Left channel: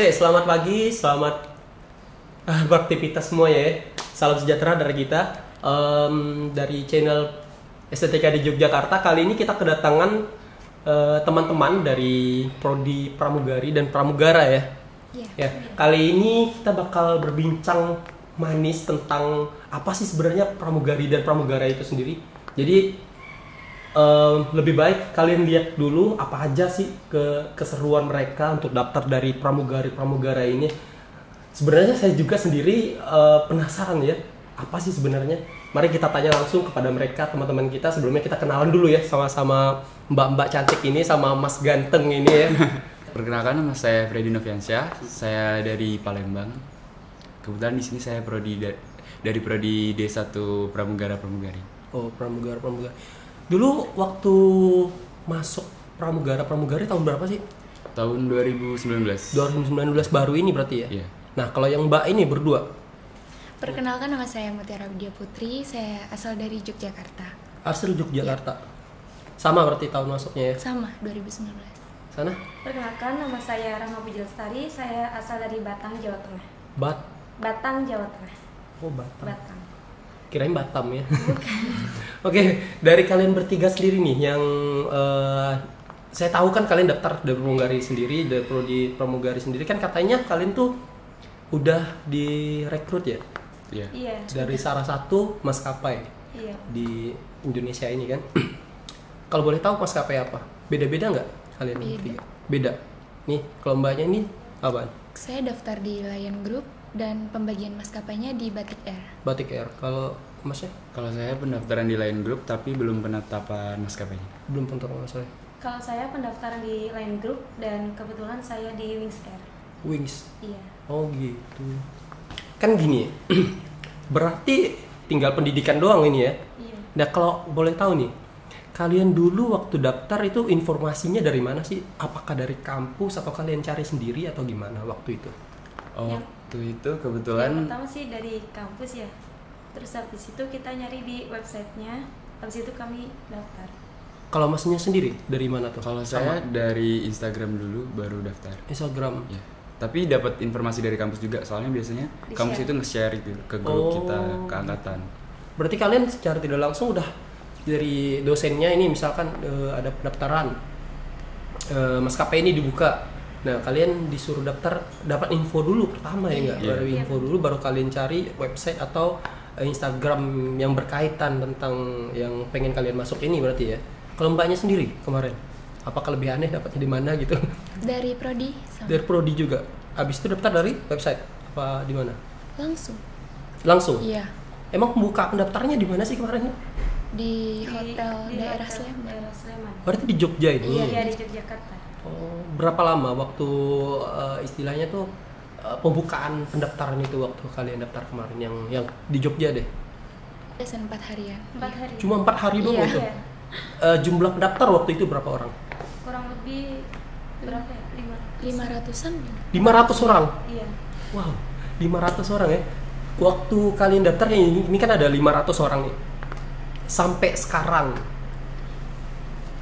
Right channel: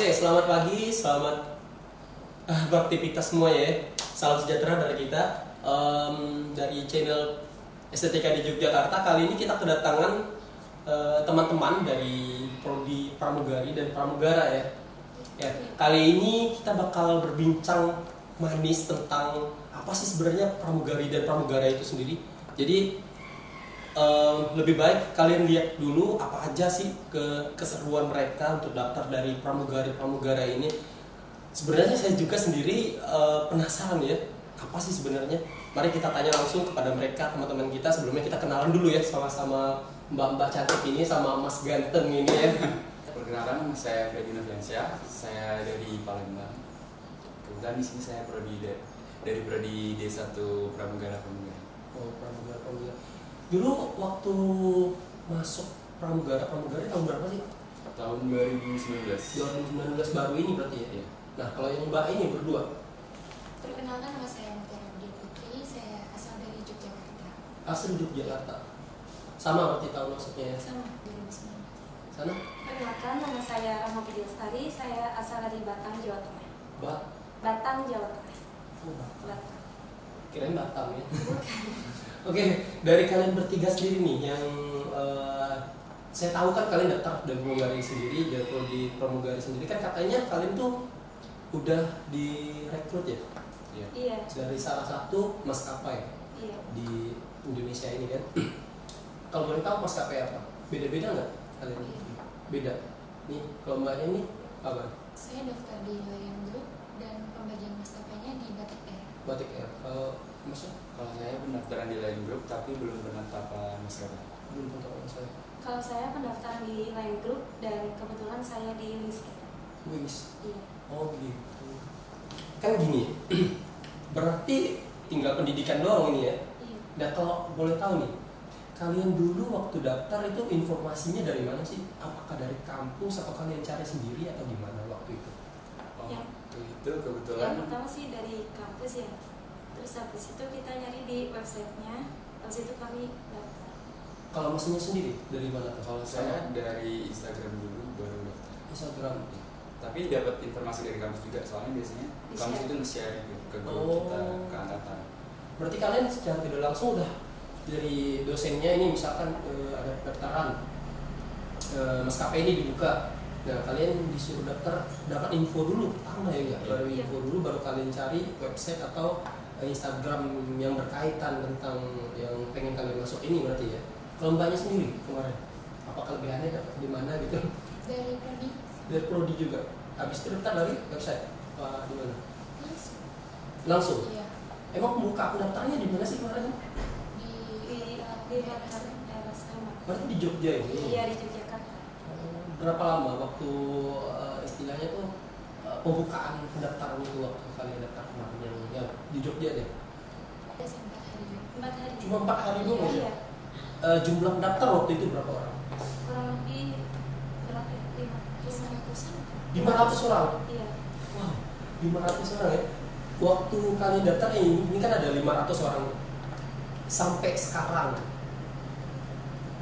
Oke, selamat pagi, selamat beraktivitas semua ya. Salam sejahtera dari kita dari channel Estetika di Yogyakarta. Kali ini kita kedatangan teman-teman dari Prodi Pramugari dan Pramugara ya. Ya, kali ini kita bakal berbincang manis tentang apa sih sebenarnya pramugari dan pramugara itu sendiri. Jadi lebih baik kalian lihat dulu apa aja sih keseruan mereka untuk daftar dari pramugari-pramugara ini. Sebenarnya saya juga sendiri penasaran ya, apa sih sebenarnya. Mari kita tanya langsung kepada mereka, teman-teman kita. Sebelumnya kita kenalan dulu ya sama mbak-mbak cantik ini sama mas ganteng ini ya. Perkenalkan, nama saya Freddy Noviansyah, saya dari Palembang. Kebetulan di sini saya dari Prodi D1 Pramugara-Pramugari. Oh, pramugara-pramugari. Dulu waktu masuk pramugara-pramugari tahun berapa sih? Tahun 2019. 2019 baru ini berarti ya? Iya. Nah, kalau yang mbak ini berdua? Perkenalkan, nama saya Mutiara Widya Putri, saya asal dari Yogyakarta. Asal Yogyakarta. Sama berarti tahun masuknya ya? Sama, 2019. Sana? Perkenalkan, nama saya Rahma Pujalestari, saya asal dari Batang, Jawa Tengah. Batang, Jawa Tengah. Oh, Batang. Batang. Kirain Batam ya. Oke, dari kalian bertiga sendiri nih yang saya tahu kan kalian daftar dari pramugari sendiri, dari prodi pramugari sendiri kan katanya kalian tuh udah direkrut ya Iya. Iya. dari salah satu maskapai Iya. di Indonesia ini kan. Kalau boleh tahu maskapai apa? Beda-beda nggak kalian Beda. bertiga? Beda. Nih, kalau mbaknya ini apa? Saya daftar di Lion Group dan pembagian maskapainya di Batik Air. Batik Air. Kalau masnya Kalau saya pendaftaran di Lion Group tapi belum penetapan maskapainya. belum tentu saya. Kalau saya pendaftaran di Line Group dan kebetulan saya di Wings Air. Wings. Iya. Oh gitu. Kan gini, berarti tinggal pendidikan doang ini ya. Iya. Nah kalau boleh tahu nih, kalian dulu waktu daftar itu informasinya dari mana sih? Apakah dari kampus atau kalian cari sendiri atau gimana waktu itu? Waktu itu Yang kebetulan pertama sih dari kampus ya. Terus habis itu kita nyari di websitenya. Habis itu kami daftar. Kalau masnya sendiri dari mana tuh? kalau Sama? saya dari Instagram dulu baru daftar. Instagram. Ya. Tapi dapat informasi dari kampus juga, soalnya biasanya Di-share. kampus itu nge-share gitu ke grup Oh. kita, ke angkatan. Berarti kalian secara tidak langsung udah dari dosennya ini misalkan ada pendaftaran maskapai ini dibuka. Nah kalian disuruh daftar, dapat info dulu pertama ya nggak? Iya. Baru info dulu baru kalian cari website atau Instagram yang berkaitan tentang yang pengen kalian masuk ini berarti ya. Kalau mbaknya sendiri kemarin, apakah lebih aneh dapatnya di mana gitu? Dari Prodi sama. Dari prodi juga. Habis itu daftar dari website apa di mana? Langsung. Langsung. Iya, Emang pembuka pendaftarnya di mana sih kemarin? di hotel di daerah hotel Sleman. Daerah Sleman. Berarti di Jogja ini. Iya, di Yogyakarta. Oh, berapa lama waktu istilahnya tuh pembukaan pendaftaran itu waktu kalian daftar kemarin yang di Jogja deh? Biasa 4 harian. 4 hari. Cuma 4 hari doang Iya. itu. Iya. Jumlah pendaftar waktu itu berapa orang? Kurang lebih berapa ya? 500-an. 500 orang. Iya. Wow, 500 orang ya. Waktu kalian daftar ini kan ada 500 orang nih. Sampai sekarang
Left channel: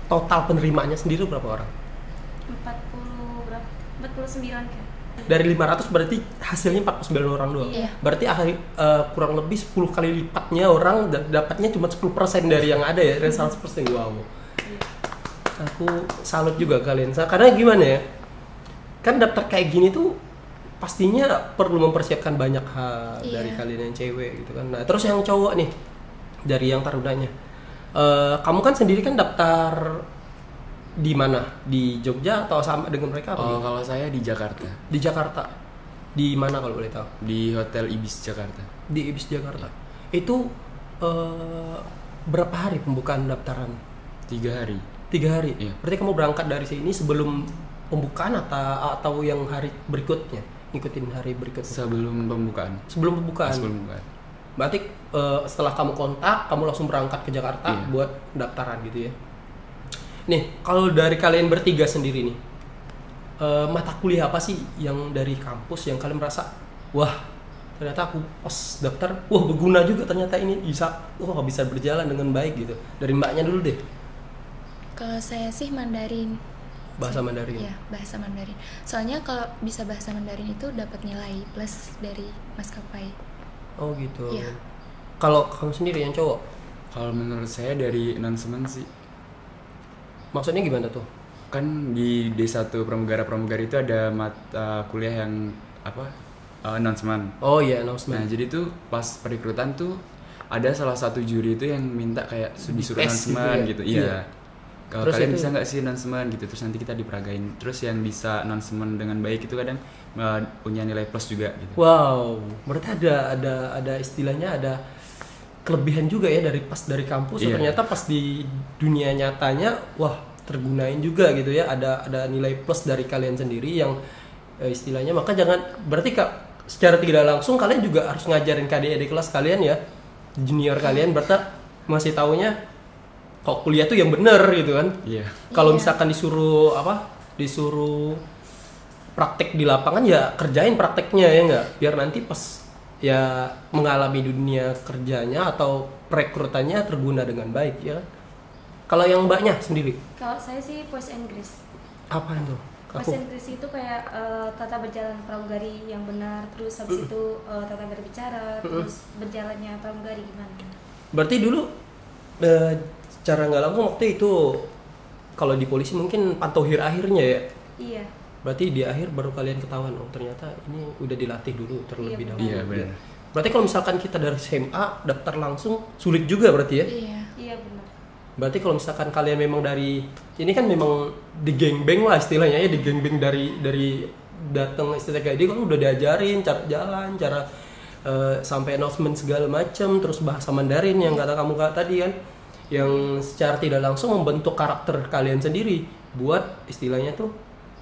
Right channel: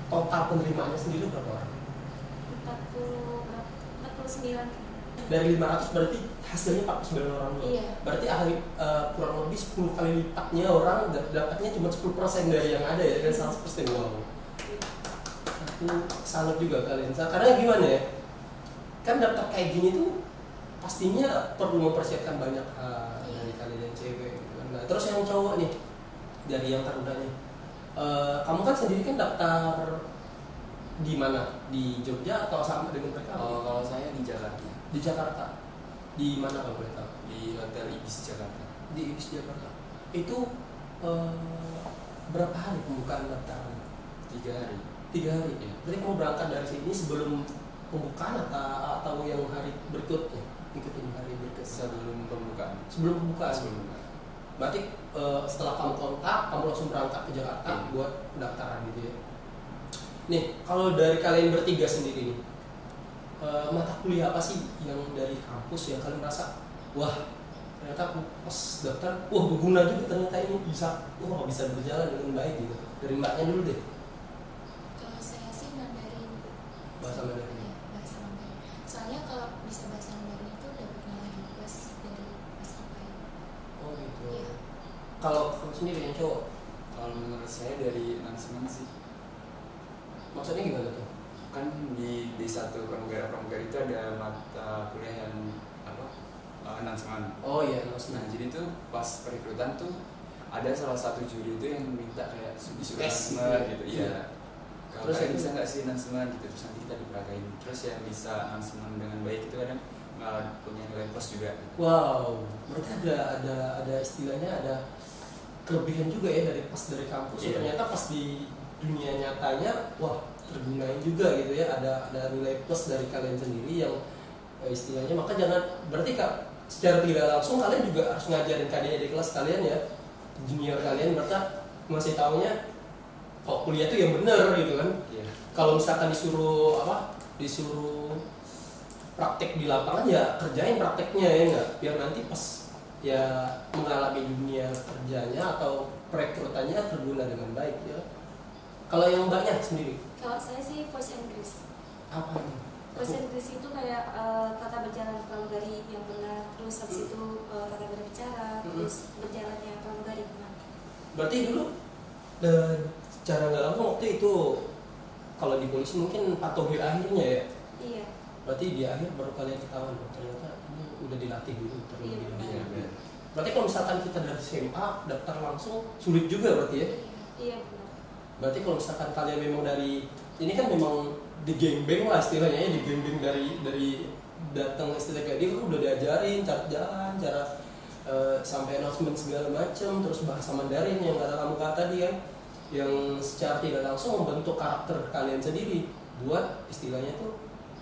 total penerimanya sendiri berapa orang? 49 kan. Dari 500 berarti hasilnya 49 orang doang. Iya. Berarti kurang lebih 10 kali lipatnya orang dapatnya cuma 10% dari yang ada ya, dari 100%. Wow. Aku salut juga kalian. Karena gimana ya? Kan daftar kayak gini tuh pastinya perlu mempersiapkan banyak hal Iya. dari kalian yang cewek gitu kan. Nah, terus yang cowok nih dari yang tarunanya. Kamu kan sendiri kan daftar di mana? Di Jogja atau sama dengan mereka atau gimana? Kalau saya di Jakarta, Di Jakarta. Di mana kalau boleh tahu? di Hotel Ibis Jakarta. Di Ibis Jakarta. Itu berapa hari pembukaan daftaran? 3 hari. 3 hari. Iya. Berarti kamu berangkat dari sini sebelum pembukaan atau yang hari berikutnya? Ngikutin hari berikutnya. Sebelum pembukaan. Sebelum pembukaan. Sebelum pembukaan. Berarti setelah kamu kontak, kamu langsung berangkat ke Jakarta Iya. buat pendaftaran gitu ya. Nih, kalau dari kalian bertiga sendiri nih, mata kuliah apa sih yang dari kampus yang kalian merasa, wah ternyata aku pas daftar, wah berguna juga ternyata ini bisa berjalan dengan baik gitu. Dari mbaknya dulu deh. Kalau saya sih Mandarin. bahasa Mandarin. Iya, bahasa Mandarin. Soalnya kalau bisa bahasa Mandarin itu dapat nilai plus dari maskapai. Oh gitu. Iya. Kalau kamu sendiri yang cowok, Kalau menurut saya dari announcement sih, maksudnya gimana tuh? kan di D1 pramugara itu ada mata kuliah yang apa? Announcement. Oh iya, Nah, announcement. jadi tuh pas perekrutan tuh ada salah satu juri itu yang minta kayak disuruh Tes gitu announcement ya? gitu. Iya. Iya. Kalau Terus kalian itu- bisa nggak sih announcement gitu, terus nanti kita diperagain. Terus yang bisa announcement dengan baik itu kadang punya nilai plus juga gitu. Wow, berarti ada istilahnya, ada kelebihan juga ya dari kampus. Iya. Ternyata pas di dunia nyatanya, wah tergunain juga gitu ya. Ada nilai plus dari kalian sendiri yang istilahnya. Maka jangan, berarti Kak, secara tidak langsung kalian juga harus ngajarin ke adik-adik kelas kalian ya, junior kalian, berarti masih taunya kok kuliah tuh yang bener gitu kan. Iya. Kalau Iya. misalkan disuruh praktek di lapangan, ya kerjain prakteknya ya nggak, biar nanti pas ya mengalami dunia kerjanya atau perekrutannya terguna dengan baik ya kan? Kalau yang mbaknya sendiri Kalau saya sih voice Inggris. apa itu? Voice Inggris itu kayak tata berjalan pramugari yang benar, terus habis itu tata berbicara, terus berjalannya pramugari gimana. Berarti dulu secara nggak langsung waktu itu, kalau di polisi mungkin pantauhir akhirnya ya. Iya. Berarti di akhir baru kalian ketahuan, oh ternyata ini udah dilatih dulu terlebih Iya, dahulu. Iya, benar. Berarti kalau misalkan kita dari SMA daftar langsung sulit juga berarti ya? Iya. Iya benar. Berarti kalau misalkan kalian memang dari ini kan memang di gangbang lah istilahnya ya, di gangbang dari datang STTK dia kan udah diajarin cara jalan, cara sampai announcement segala macam, terus bahasa Mandarin yang kata kamu tadi kan, yang secara tidak langsung membentuk karakter kalian sendiri buat istilahnya tuh,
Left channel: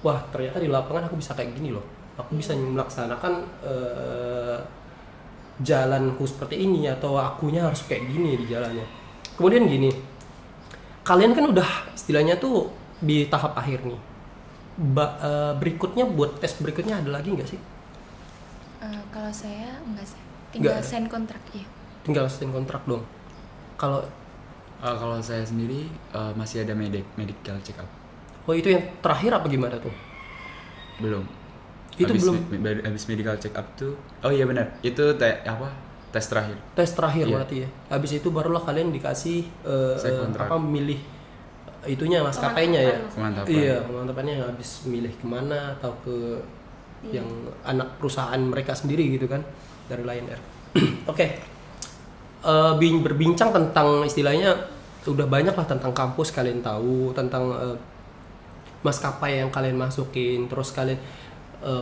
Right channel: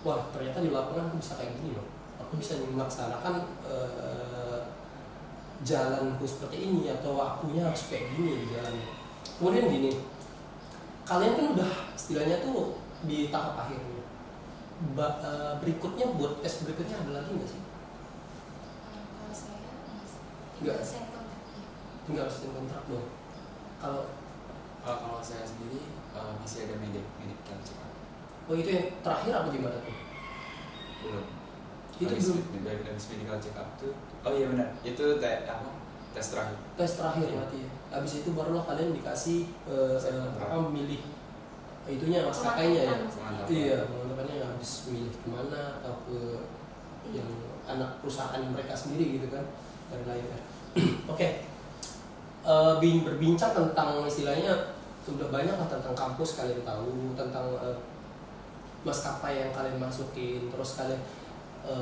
wah ternyata di lapangan aku bisa kayak gini loh, aku bisa melaksanakan jalanku seperti ini, atau akunya harus kayak gini di jalannya. Kemudian gini, kalian kan udah istilahnya tuh di tahap akhir nih. Berikutnya buat tes berikutnya ada lagi nggak sih? Kalau saya enggak sih. Tinggal Nggak. sign kontrak ya. Tinggal sign kontrak dong. Kalau Kalau saya sendiri masih ada medical check up. oh itu yang terakhir apa gimana tuh? Belum. Itu habis belum. habis medical check up tuh. Oh iya benar. Itu tes terakhir. Tes terakhir Iya. berarti ya. Habis itu barulah kalian dikasih Sign kontrak. milih itunya maskapainya ya. Pemantapan. Iya, pemantapannya habis milih kemana atau ke Iya. yang anak perusahaan mereka sendiri gitu kan, dari Lion Air. Oke. Berbincang tentang istilahnya udah banyak lah tentang kampus, kalian tahu tentang maskapai yang kalian masukin, terus kalian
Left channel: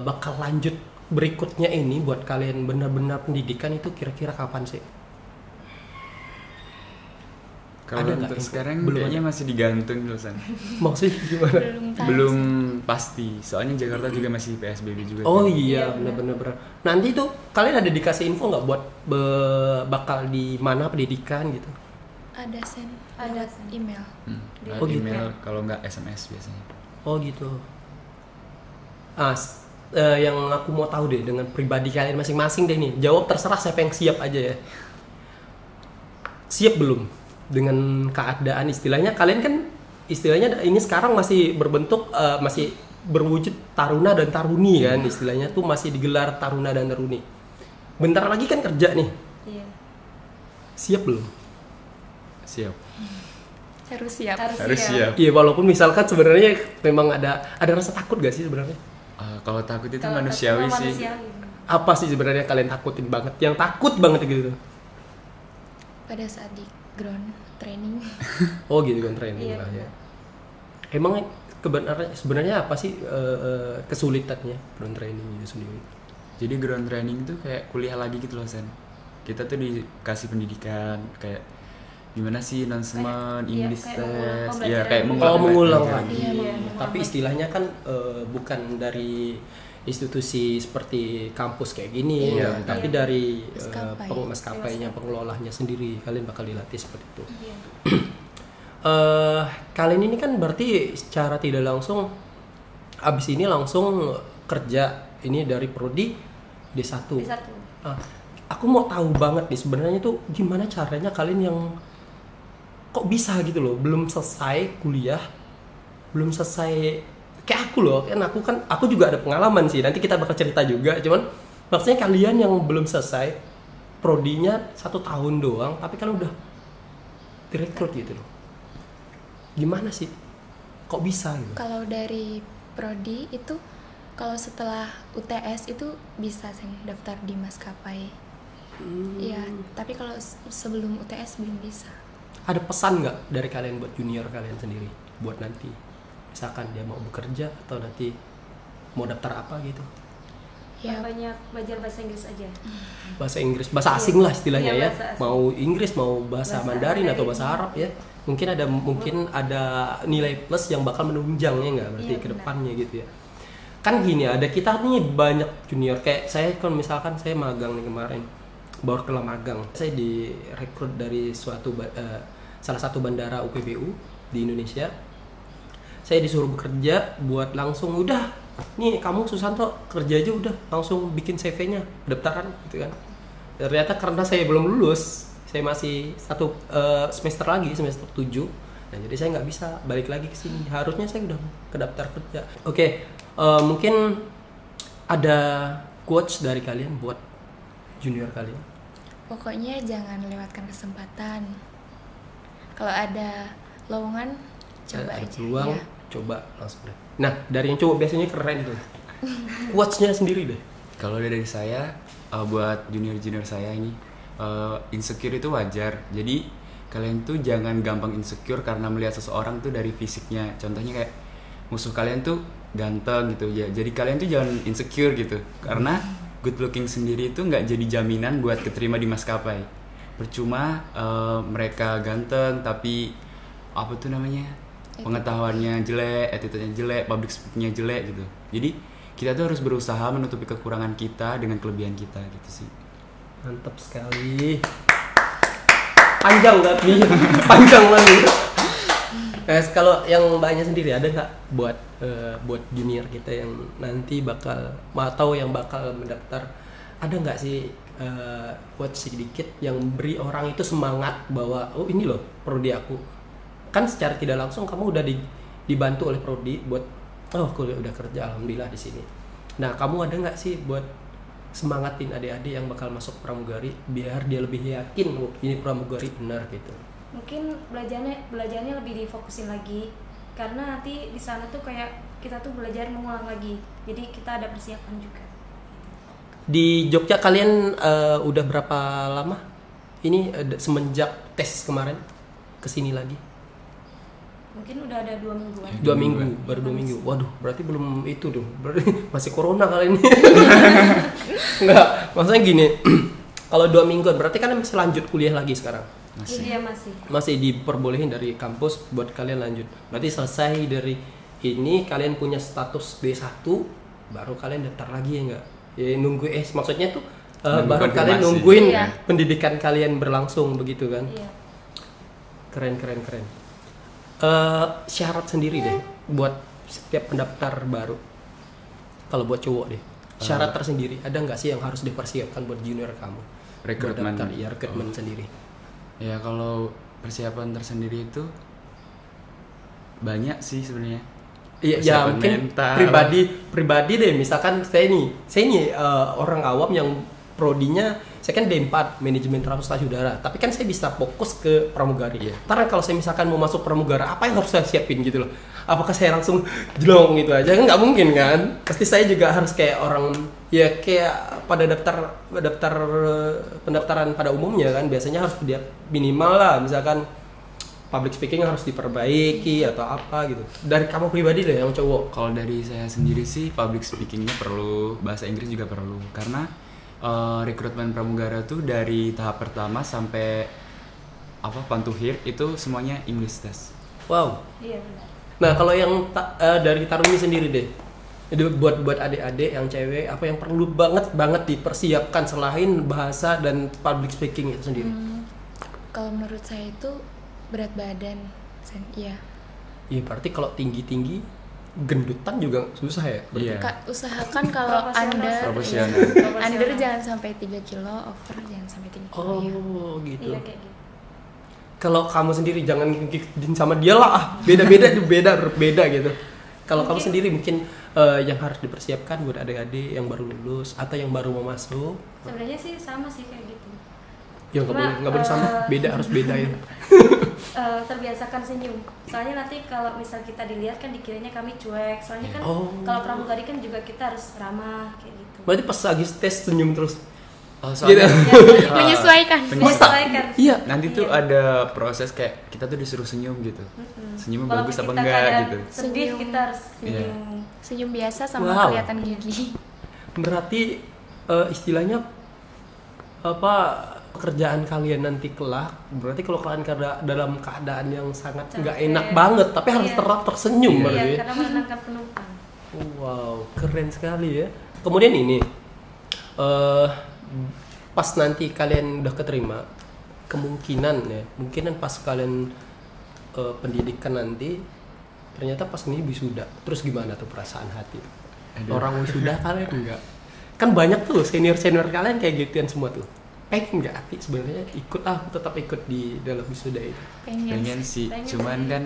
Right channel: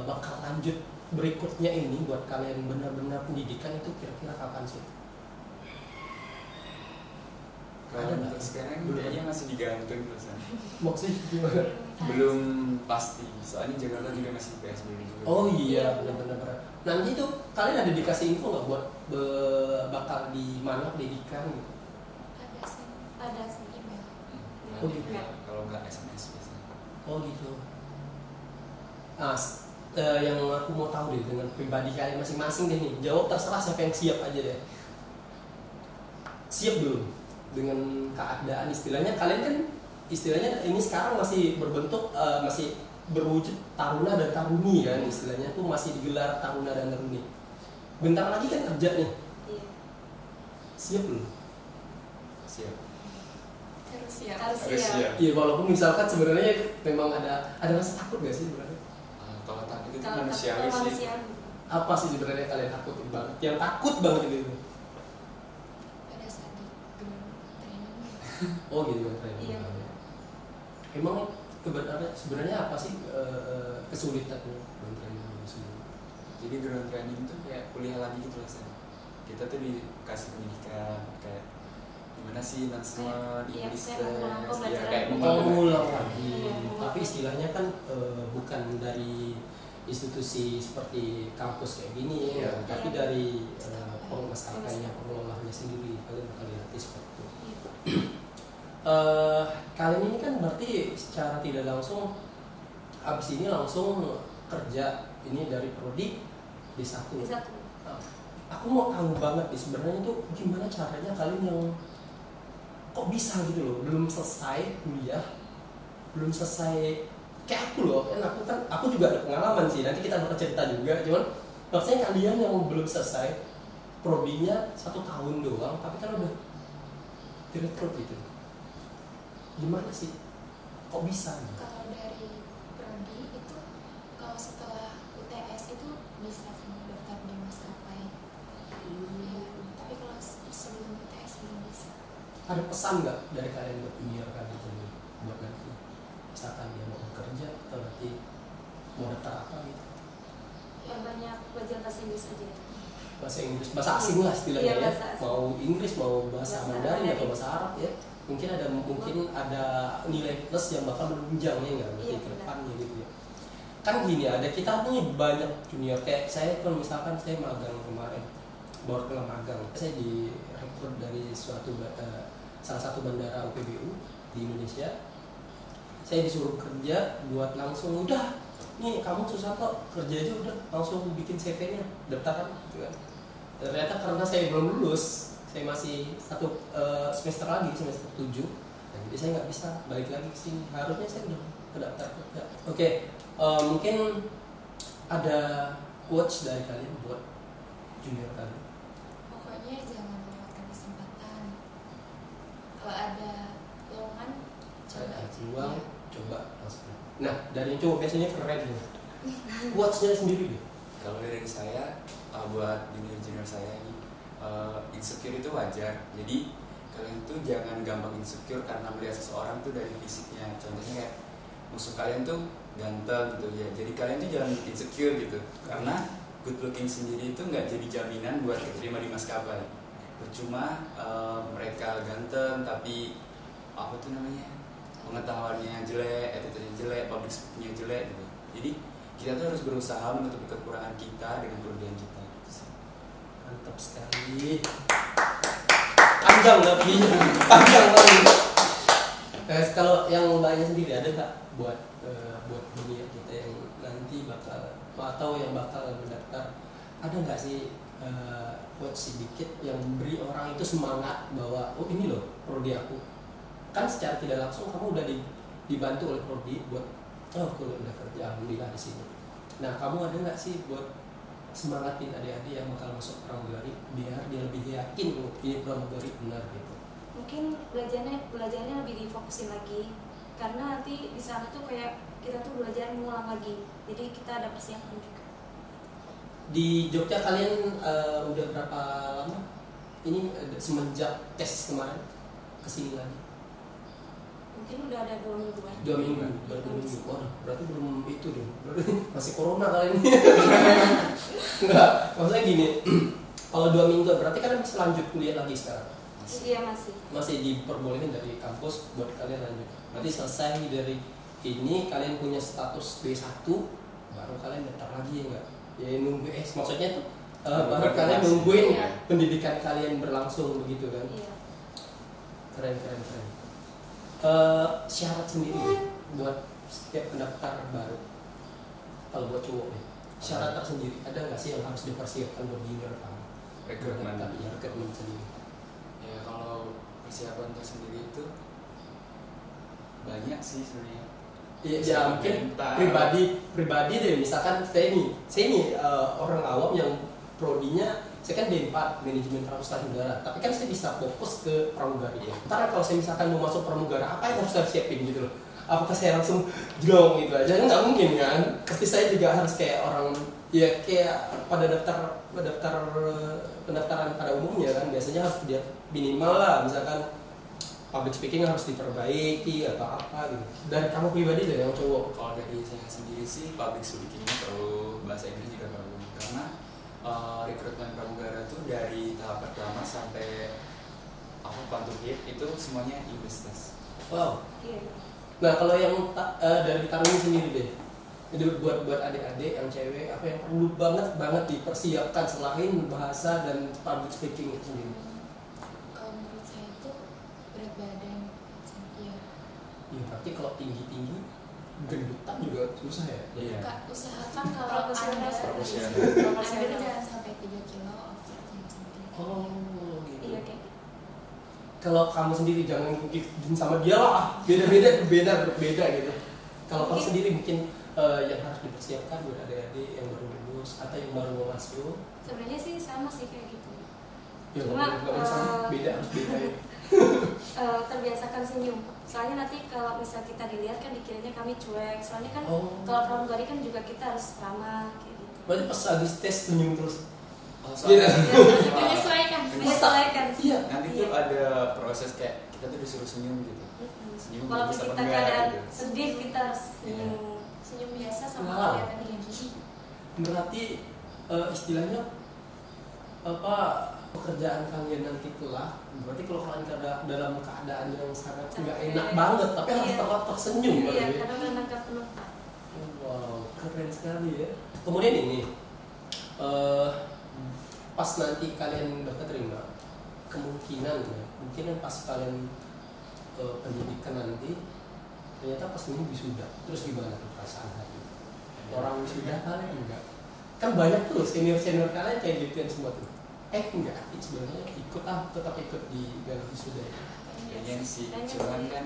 bakal lanjut berikutnya ini buat kalian benar-benar pendidikan itu kira-kira kapan sih? Kalau Ada nggak untuk info? sekarang Belum kayaknya masih digantung dulu San. Maksudnya gimana? Belum pasti. Soalnya Jakarta juga masih PSBB juga. Oh kan. iya, benar-benar. Nanti tuh kalian ada dikasih info nggak buat bakal di mana pendidikan gitu? Ada send, Ada ada send. email. Ada Oh, gitu. email kalau nggak SMS biasanya. Oh gitu. Yang aku mau tahu deh dengan pribadi kalian masing-masing deh nih. Jawab terserah, siapa yang siap aja ya. Siap belum dengan keadaan istilahnya kalian kan istilahnya ini sekarang masih berbentuk masih berwujud taruna dan taruni kan, istilahnya tuh masih digelar taruna dan taruni. Bentar lagi kan kerja nih. Iya. Siap belum? Siap. Harus siap. Harus siap. Iya, walaupun misalkan sebenarnya memang ada rasa takut gak sih sebenarnya? Kalau takut itu Kalau manusiawi takut sih. manusiawi. Apa sih sebenarnya kalian takutin banget? Yang takut banget gitu. Pada saat di ground training. Oh gitu kan, training Iya. lah ya. Emang sebenarnya apa sih kesulitannya ground training itu sendiri? Jadi ground training itu kayak kuliah lagi gitu loh San. Kita tuh dikasih pendidikan kayak gimana sih announcement, Iya, English kayak test, mengulang ya pembelajaran. kayak Oh, mengulang Iya. lagi. Iya, Tapi istilahnya kan bukan dari institusi seperti kampus kayak gini, Iya, tapi iya. dari Maskapai. maskapainya, pengelolanya sendiri. Kalian bakal dilatih seperti itu. Iya. Kalian ini kan berarti secara tidak langsung abis ini langsung kerja ini dari prodi D1. D1. Aku mau tahu banget nih sebenarnya tuh gimana caranya kalian yang kok bisa gitu loh, belum selesai kuliah, belum selesai kayak aku loh, kan aku juga ada pengalaman sih. Nanti kita bakal cerita juga. Cuman maksudnya kalian yang belum selesai prodinya 1 tahun doang, tapi kan udah direkrut gitu loh. Gimana sih? Kok bisa gitu? Kalau dari prodi itu kalau setelah UTS itu bisa sih daftar di maskapai. Iya, tapi kalau sebelum UTS belum bisa. Ada pesan nggak dari kalian buat junior kalian sendiri buat nanti? Misalkan dia mau bekerja atau nanti mau daftar apa gitu? Ya, banyak belajar bahasa Inggris aja. Bahasa Inggris, bahasa asing lah istilahnya Iya, ya. bahasa asing. Mau Inggris, mau bahasa Mandarin atau bahasa Arab ya. Mungkin ada nilai plus yang bakal menunjang ya nggak berarti Iya, ke benar. depannya gitu ya. Kan gini, ada kita nih banyak junior kayak saya kan, misalkan saya magang nih kemarin, baru kelar magang. Saya direkrut dari salah satu bandara UPBU di Indonesia. Saya disuruh bekerja buat langsung udah nih kamu Susanto kerja aja udah langsung bikin CV-nya daftaran gitu kan. Ternyata karena saya belum lulus, saya masih semester lagi, semester 7. Nah, jadi saya nggak bisa balik lagi ke sini. Harusnya saya udah kedaftar kerja. Oke, mungkin ada quotes dari kalian buat junior kalian. pokoknya jangan lewatkan kesempatan. Kalau ada lowongan coba Ada aja. peluang, Ya. coba langsung. Nah, dari yang cowok biasanya keren tuh. Quotes-nya sendiri deh. Kalau dari saya, buat junior-junior saya ini, insecure itu wajar. Jadi kalian tuh jangan gampang insecure karena melihat seseorang tuh dari fisiknya. Contohnya kayak musuh kalian tuh ganteng gitu ya. Jadi kalian tuh jangan insecure gitu. Karena good looking sendiri itu nggak jadi jaminan buat keterima di maskapai. Percuma mereka ganteng tapi apa tuh namanya, pengetahuannya jelek, attitude-nya jelek, public speaking-nya jelek gitu. Jadi kita tuh harus berusaha menutupi kekurangan kita dengan kelebihan kita gitu sih. Mantap sekali. Panjang tapi panjang banget. Nah, kalau yang mbaknya sendiri ada nggak buat junior kita yang nanti bakal atau yang bakal mendaftar, ada nggak sih quotes sedikit yang beri orang itu semangat bahwa oh ini loh prodi aku. Kan secara tidak langsung kamu udah dibantu oleh prodi buat oh aku udah kerja alhamdulillah di sini. Nah, kamu ada nggak sih buat semangatin adik-adik yang bakal masuk pramugari biar dia lebih yakin oh, ini pramugari benar gitu. Mungkin belajarnya lebih difokusin lagi, karena nanti di sana tuh kayak kita tuh belajar mengulang lagi, jadi kita ada persiapan juga. Di Jogja kalian udah berapa lama? Ini semenjak tes kemarin kesini lagi? Mungkin udah ada 2 mingguan. 2 minggu, baru 2 minggu. Waduh, berarti belum itu dong. Berarti masih corona kali ini. Enggak, maksudnya gini. Kalau 2 mingguan berarti kalian masih lanjut kuliah lagi sekarang. Iya masih. Masih diperbolehin dari kampus buat kalian lanjut. Berarti selesai dari ini kalian punya status D1 baru kalian daftar lagi ya enggak? Ya nunggu maksudnya tuh baru kalian nungguin Iya. pendidikan kalian berlangsung begitu kan? Iya. Keren. Syarat sendiri deh buat setiap pendaftar baru. Kalau buat cowok deh, syarat tersendiri ada nggak sih yang harus dipersiapkan buat junior kamu? Rekrutmen. Buat daftar, ya rekrutmen sendiri. Ya kalau persiapan tersendiri itu banyak sih sebenarnya. Iya, ya Persiapan mungkin mental. pribadi deh. Misalkan saya nih orang awam yang prodinya saya kan D4 manajemen transportasi udara, tapi kan saya bisa fokus ke pramugari. Iya. Karena kalau saya misalkan mau masuk pramugara, apa yang harus saya siapin gitu loh? Apakah saya langsung jelong gitu aja? Nggak mungkin kan? Pasti saya juga harus kayak orang ya kayak pada daftar pendaftaran pada umumnya kan biasanya harus dia minimal lah, misalkan public speaking harus diperbaiki atau apa gitu. Dari kamu pribadi deh yang cowok. Kalau dari saya sendiri sih public speakingnya perlu, bahasa Inggris juga perlu. Karena rekrutmen pramugara tuh dari tahap pertama sampai pantuhir itu semuanya English test. Wow. Iya benar. Nah kalau yang dari Taruni sendiri deh, itu buat adik-adik yang cewek apa yang perlu banget dipersiapkan selain bahasa dan public speaking itu sendiri? Kalau menurut saya itu berat badan. Iya. Iya berarti kalau tinggi gendutan juga susah ya? Iya. Kak, usahakan kalau Profesional. under jangan sampai 3 kilo, over jangan sampai 3 kilo. ya. Oh gitu. Iya kayak gitu. Kalau kamu sendiri jangan ngikutin sama dia lah, beda gitu. Kalau kamu Mungkin- sendiri mungkin yang harus dipersiapkan buat adik-adik yang baru lulus atau yang baru mau masuk. Sebenarnya sih sama sih kayak gitu. Ya nggak boleh sama, beda harus beda ya. Terbiasakan senyum. Soalnya nanti kalau misal kita dilihat kan dikiranya kami cuek. Soalnya kan Oh. kalau pramugari kan juga kita harus ramah kayak gitu. Berarti pas lagi tes senyum terus. Soalnya Menyesuaikan. Menyesuaikan. Iya. nanti tuh Iya. ada proses kayak kita tuh disuruh senyum gitu. Senyumnya Kalau bagus apa kita enggak kadang gitu. sedih kita harus Iya. senyum. Senyum biasa sama Wow. kelihatan gigi. Berarti istilahnya apa pekerjaan kalian nanti kelak, berarti kalau kalian dalam keadaan yang sangat nggak Capek. enak banget tapi harus Iya. tetap tersenyum Iya. berarti. Iya, karena menangkap penumpang. Wow, keren sekali ya. Kemudian ini, pas nanti kalian udah keterima, kemungkinan pas kalian pendidikan nanti, ternyata pas ini wisuda, terus gimana tuh perasaan hati? Aduh. Orang wisuda kalian enggak? Kan banyak tuh senior kalian kayak gituan semua tuh. Pengen nggak hati sebenarnya tetap ikut di dalam wisuda itu? Pengen sih, Pengen cuman sih. kan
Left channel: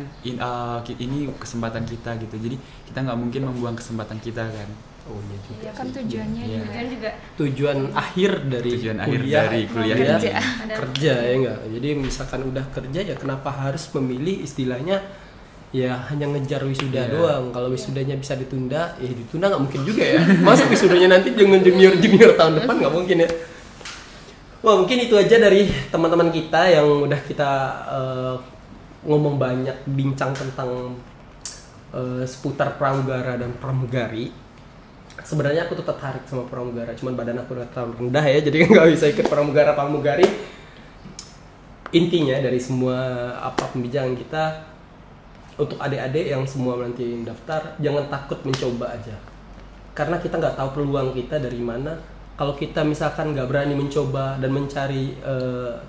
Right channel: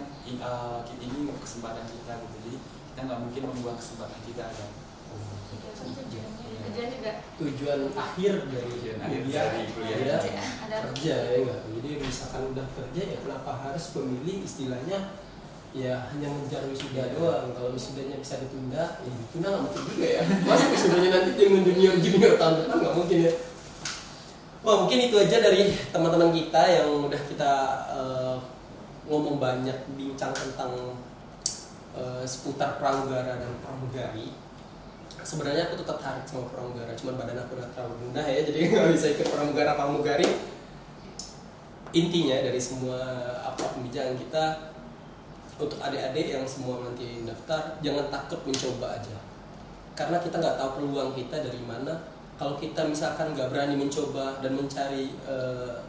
ini kesempatan kita gitu, jadi kita nggak mungkin membuang kesempatan kita kan. Oh, iya juga Iya, Kan sih. tujuannya Iya. juga. Kan juga Tujuan akhir dari Tujuan akhir kuliah, dari kuliah ya, ini. ada kerja ya enggak. Jadi misalkan udah kerja ya kenapa harus memilih istilahnya ya hanya ngejar wisuda Iya. doang. Kalau wisudanya bisa ditunda, ya ditunda nggak mungkin juga ya. Masa wisudanya nanti dengan junior tahun depan nggak mungkin ya. Wah, mungkin itu aja dari teman-teman kita yang udah kita ngomong banyak, bincang tentang seputar pramugara dan pramugari. Sebenarnya aku tetap tertarik sama pramugara, cuman badan aku udah terlalu rendah ya, jadi nggak bisa ikut pramugari. Intinya dari semua pembicaraan kita, untuk adik-adik yang semua nanti daftar, jangan takut mencoba aja, karena kita nggak tahu peluang kita dari mana. Kalau kita misalkan nggak berani mencoba dan mencari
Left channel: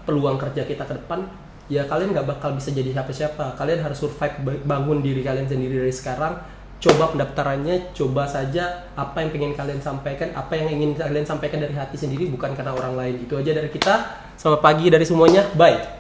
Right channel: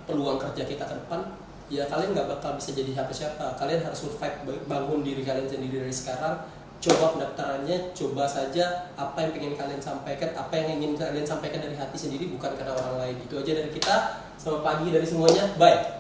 peluang kerja kita ke depan, ya kalian nggak bakal bisa jadi siapa-siapa. Kalian harus survive, bangun diri kalian sendiri dari sekarang. Coba pendaftarannya, coba saja apa yang ingin kalian sampaikan, apa yang ingin kalian sampaikan dari hati sendiri, bukan karena orang lain. Itu aja dari kita. Selamat pagi dari semuanya, bye.